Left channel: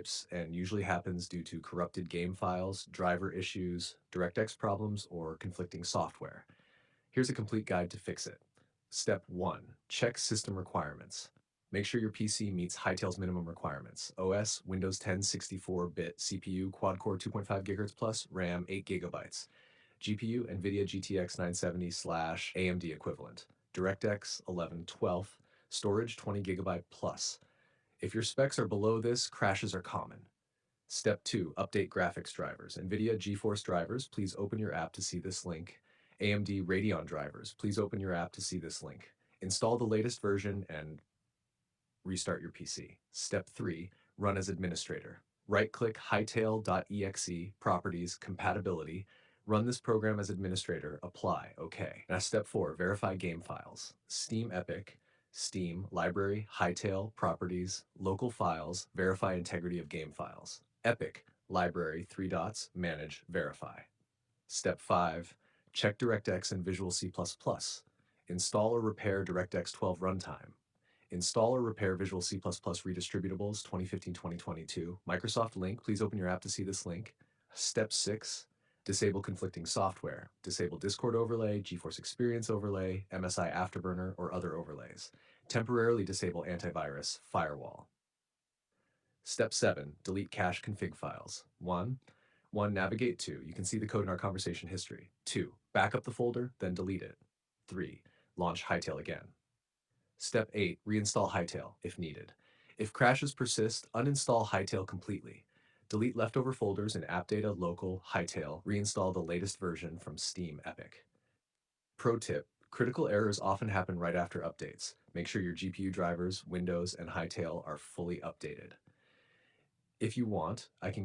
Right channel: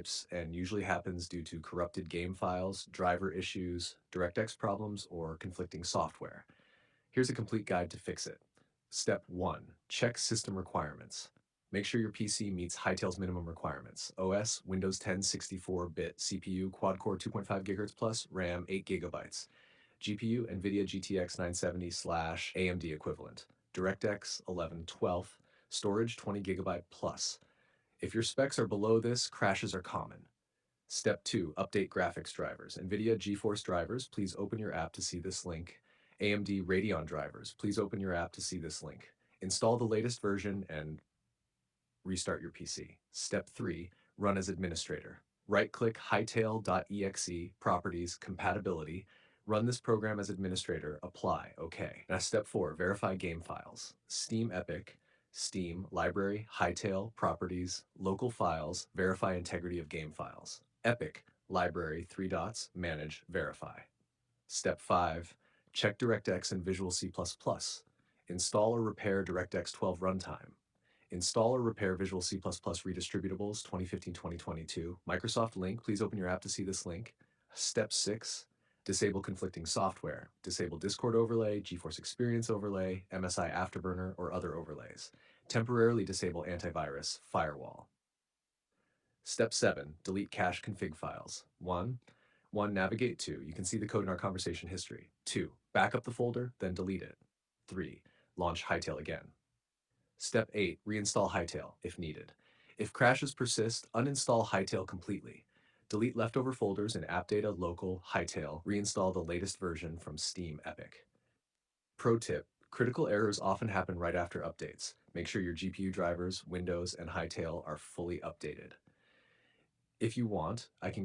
types and usually happens due to corrupted game files, driver issues, DirectX problems, or conflicting software. Here's a complete guide to fix it. Step 1. Check system requirements. Make sure your PC meets Hytale's minimum requirements. OS, Windows 10 64-bit CPU, quad-core 2.5 GHz plus, RAM 8 GB. GPU, NVIDIA GTX 970/AMD equivalent. DirectX 11/12, storage 20 GB plus. If your specs are below this, crashes are common. Step 2. Update graphics drivers. NVIDIA GeForce drivers, please open your app to see this link. AMD Radeon drivers, please open your app to see this link. Install the latest version and restart your PC. Step 3. Run as administrator. Right-click Hytale.exe, Properties, Compatibility. Run this program as administrator. Apply. OK. Now step 4. Verify game files. Steam Epic, Steam, Library, Hytale, Properties, Local Files, Verify integrity of game files. Epic, Library, 3 dots, Manage, Verify. Step 5. Check DirectX and Visual C++. Install or repair DirectX 12 runtime. Install or repair Visual C++ redistributables 2015-2022. Microsoft link, please open your app to see this link. Step 6. Disable conflicting software. Disable Discord overlay, GeForce Experience overlay, MSI Afterburner, or other overlays. Temporarily disable antivirus, firewall. Step 7. Delete cache config files. 1. Navigate to. You can see the code in our conversation history. 2. Back up the folder, then delete it. 3. Launch Hytale again. Step 8. Reinstall Hytale, if needed. If crashes persist, uninstall Hytale completely. Delete leftover folders in AppData, Local, Hytale. Reinstall the latest version from Steam Epic. Pro tip: critical errors often happen right after updates. Make sure your GPU drivers, Windows, and Hytale are fully updated. If you want, I can